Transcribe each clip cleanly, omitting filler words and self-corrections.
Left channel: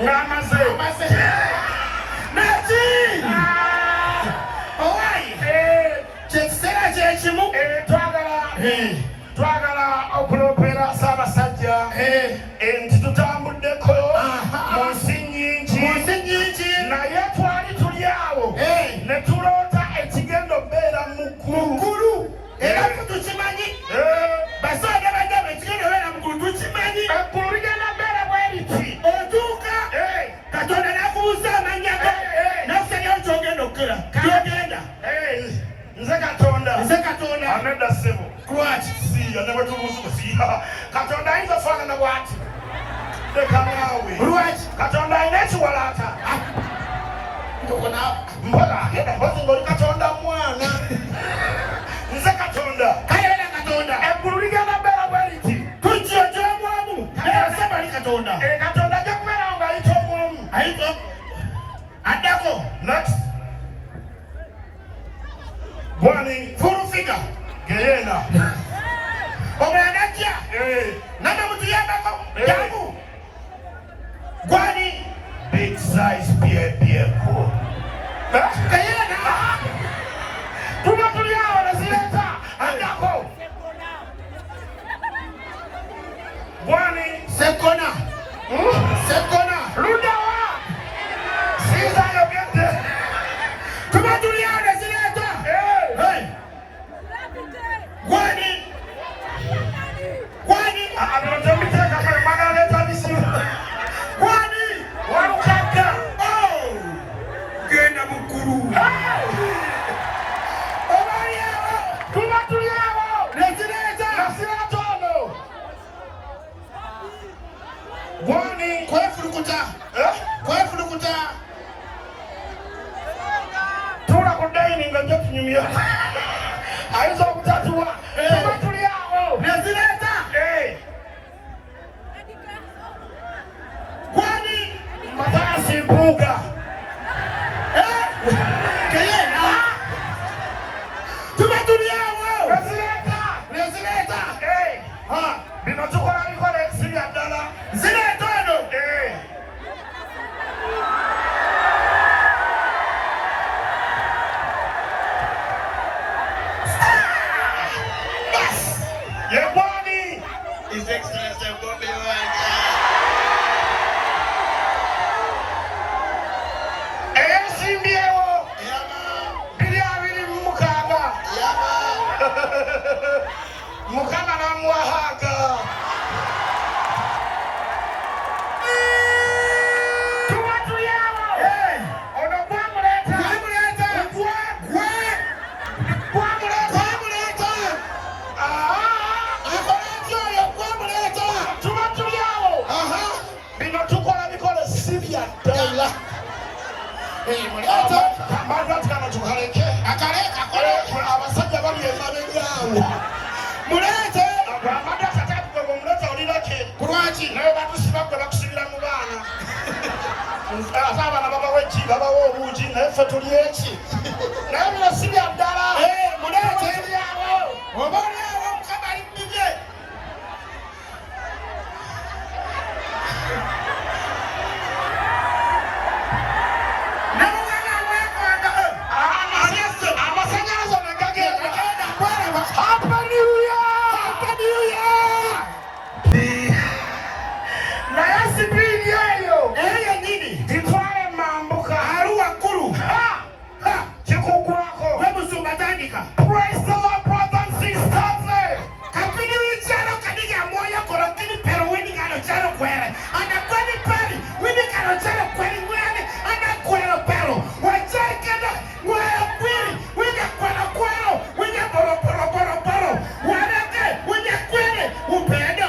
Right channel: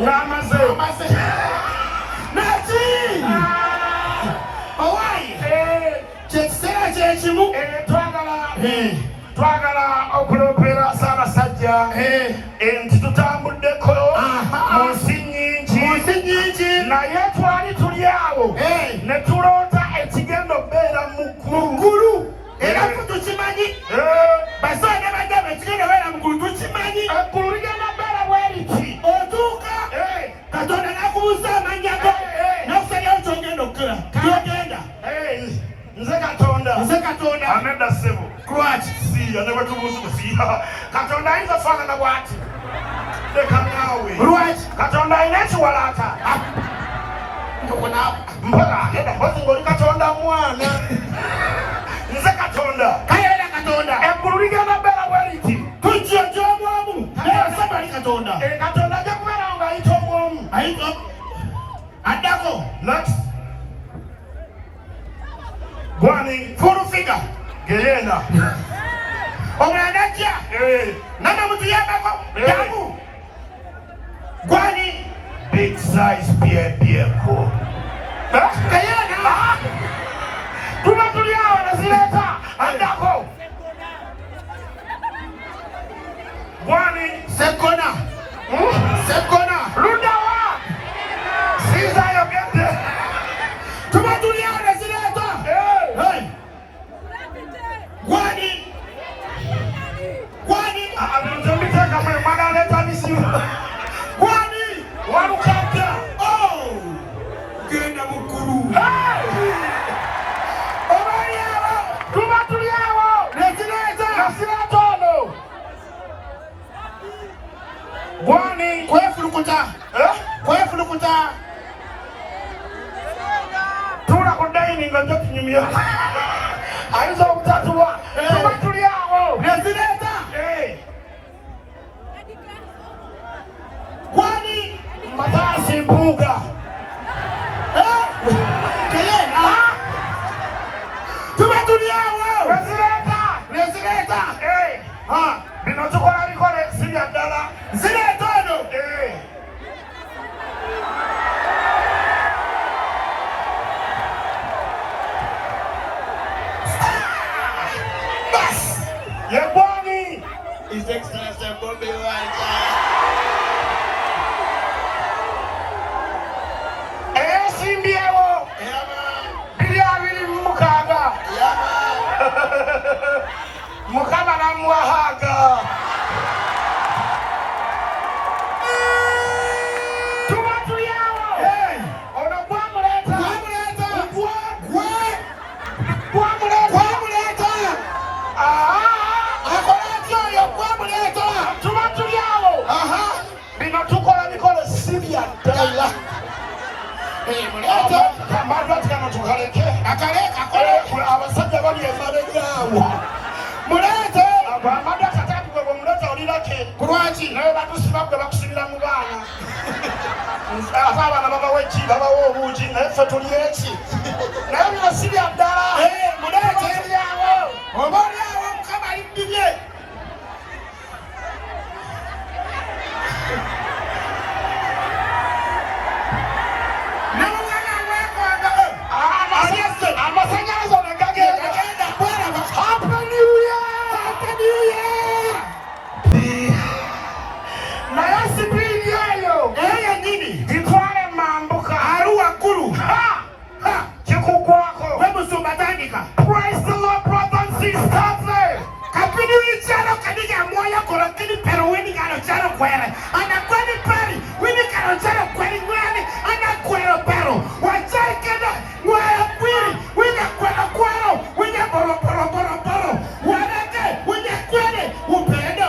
Ramase. Nati. Owai. Chesera chechimu. Twagala okulopera sana sajja. Ntitutambudeko munsi nyingi. Naye twali tuli awo. Ne tulota ekigendo beera mukulu. Era tukimanyi. Basoda bagamba ekigendo beera mukulu tukimanyi. Eggulu ligenda beera bweriti. Otuuka. Katonda nakubuuza amanya go. Nakusabye nkyogenda okukola. Kyogenda. Nze Katonda. Anedda ssebo. Lwaki? Siya ne bwetubuuza. Katonda ayinza ofaanana bw'ati. Leka naawe. Lwaki? Katonda alina ekiwalaata. Mpaka mpozi ng'oli Katonda mwana. Nze Katonda. Kayera Katonda. Eggulu ligenda beera bweriti. Tujja gy'omwomu. Ayasaba ali Katonda. Katonda ajja kubeerawo ng'ayita omwomu. Ayita. Addako. Next. Gwani. Full figure. Geyenda. Omulanda ajja. Nana mutuyambako. Jangu. Gwani. Big size byeko. Kayera. Tuba tuli awo ne zireeta. Addako. Gwani. Sekona. Sekona. Ludawa. Siza yogedde. Tuba tuli awo ne zireeta. Gwani. Gwani. Abantu mbiteeka mwe mwagala leeta misimu. Gwani. Wankadda. Genda mukulu. Obayawo. Tuba tuli awo. Nasireeta ono. Gwani. kwefulukuta. Kwefulukuta. Tula ku dayini nga nja kunyumya. Ayinza obutatuwa. Tuba tuli awo. Nasireeta. Gwani. Mataasi mpuuga. Kayera. Tuba tuli awo. Wezireeta. Bino tukola bikola ebisibya ddala. Zireeta ono. Ye Gwani. His Excellency Bobby Wine. Eyasimbyewo. Yama. 226. Yama. Mukama namuwahaaga. Tuba tuli awo. Ono gwamuleeta. Tuba tuli awo. Bino tukola bikola sibya ddala. Abantu ati kano tukaleke. Abasajja bali emabegaawo. Mulete. Amanda akatatu gwe bw'omuleeta olirake. Kulwaki? Naye batusima gwe bakusibira mu baana. Ate abaana babawa eki babawa obuugi naye ffe tuli eki. Naye bino sibya ddala. Mulete. Tuli awo. Obayawo Mukama alimbibye. Amasannyalaze ne gagenda. Agenda kweraba. Naye sipiidi eyo. Eyo nyini. Gitwale mambuka. Ali waggulu. Kikugwako. Wemusumba tandika. Praise the Lord, brothers and sisters. Kapini wichano kadiga moya koro kini pero wini kano chano kwere. Ana kweli peri. Wini kano chano kweli mwani. Ana kwero pero. Wachari kena. Waya kwiri. Wina kwero kwero. Wina boro boro boro boro. Wanake. Wina kwere. Upendo.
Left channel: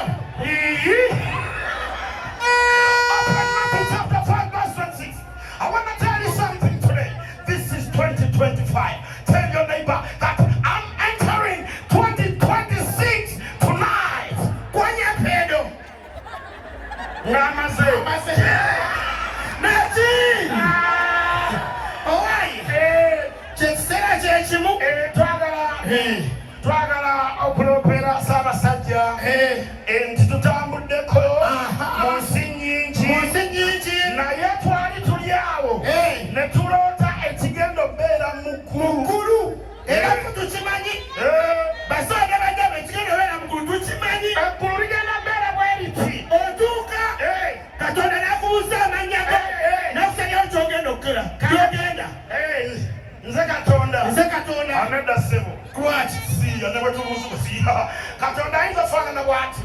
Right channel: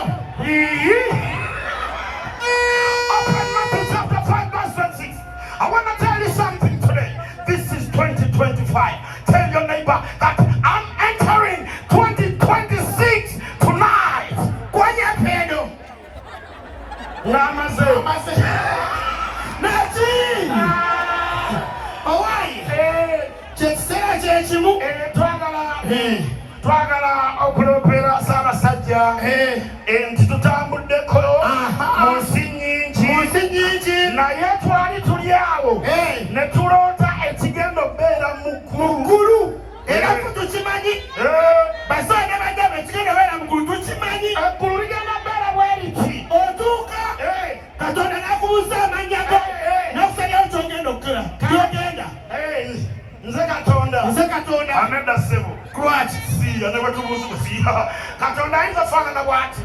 Open Matthew chapter 5 verse 26. I want to tell you something today. This is 2025. Tell your neighbor that I'm entering 2026 tonight. Kwanya pendo. Ramase. Nati. Owai. Chesera chechimu. Twagala okulopera sana sajja. Ntitutambudeko munsi nyingi. na yetu ali tuliawo ne tulota ekigendo bera mukuru era kutukimanyi basonga bajja ekigendo bera mukuru tukimanyi eggulu ligenda bera bweriti otuuka Katonda nakubuuza amanya go nakusabye kyogenda okukira kyogenda nze Katonda anedda ssebo lwaki siya ne bwetubuuza Katonda ayinza faanana bw'ati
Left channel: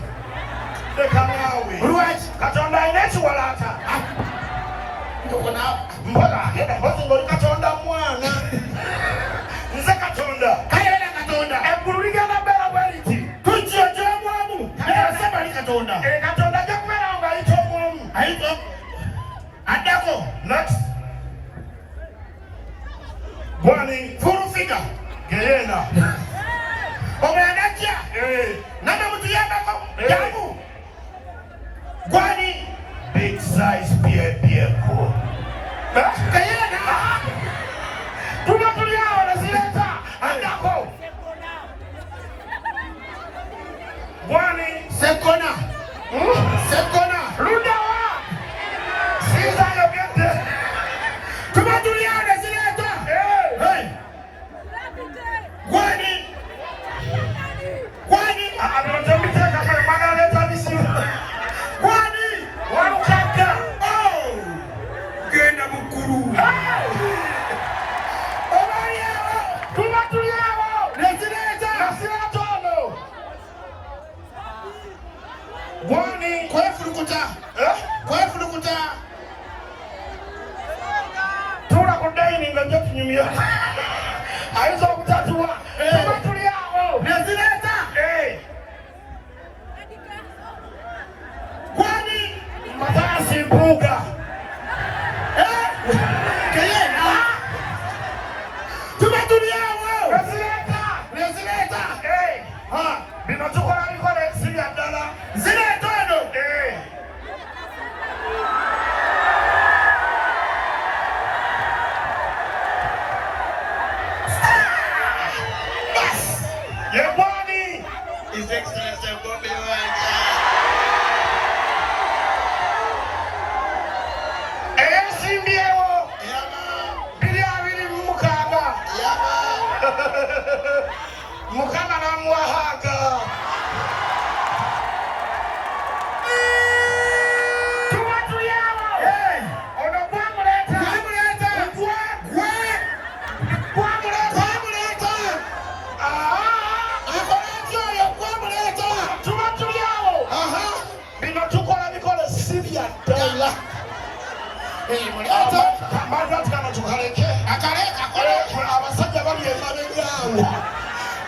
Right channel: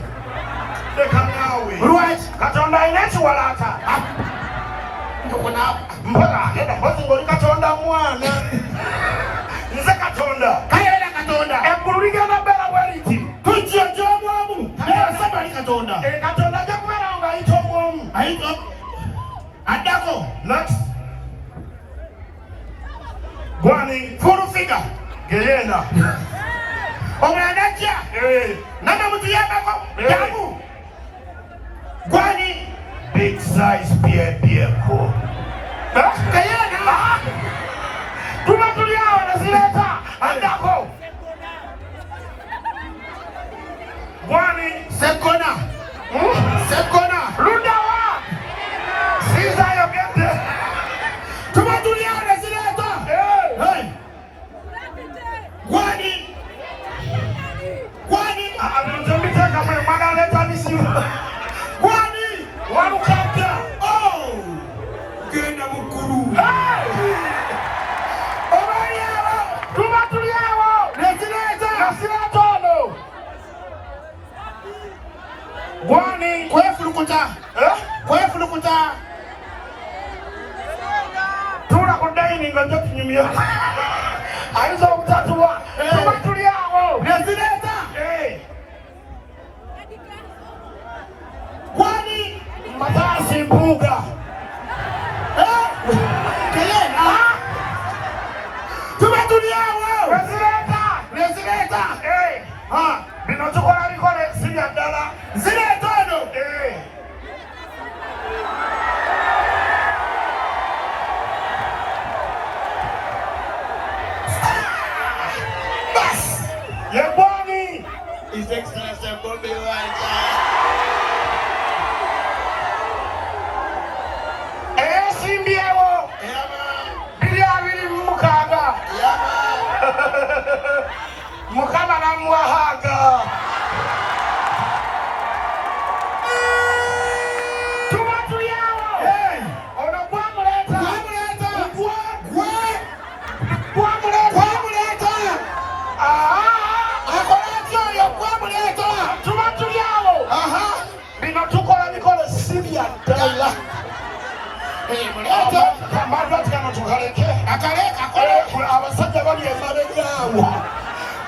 leka naawe lwaki Katonda alina ekiwalaata mpaka oli Katonda mwana nze Katonda kayera Katonda eggulu ligenda bera bweriti tujja gy'omwomu asaba ali Katonda Katonda ajja kubeerawo ng'ayita omwomu ayita addako next gwani full figure geyena omulala ajja nanamutuyambako jamu gwani big size byeko kayena tuba tuli awo nezireeta addako gwani sekona ludawa sizayogedde tuba tuli awo nezireeta gwani abinotomiteeka kwe mwagala leetanisimu gwani walukadda genda mukulu obalyawo tuba tuli awo nezireeta nasireeta ono gwani kwefulukuta tula ku dayini nga nja kunyumya ayinza obutatuwa tuba tuli awo nezireeta gwani Matasi mbuga kayena tuba tuli awo nezireeta bino tukola bikola ekisinga ddala zireeta ono yegwani His Excellency Bobi Wine. eyasimbyewo 226 Mukama namuwahaga tuba tuli awo ono gwamuleeta tuba tuli awo bino tukola bikola sibya ddala abantu atikano tukaleke abasajja bali emabegaawo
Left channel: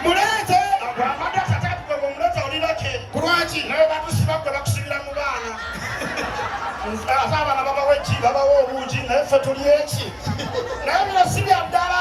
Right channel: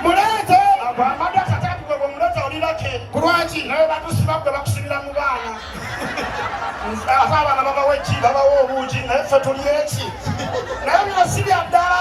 Mulete amanda tatatuge bwomuleta olirake kulwaki naye batusima gwe bakusibira mu baana ate abaana babawo eki babawo obuugi naye ffe tuli eki naye bino si bya ddala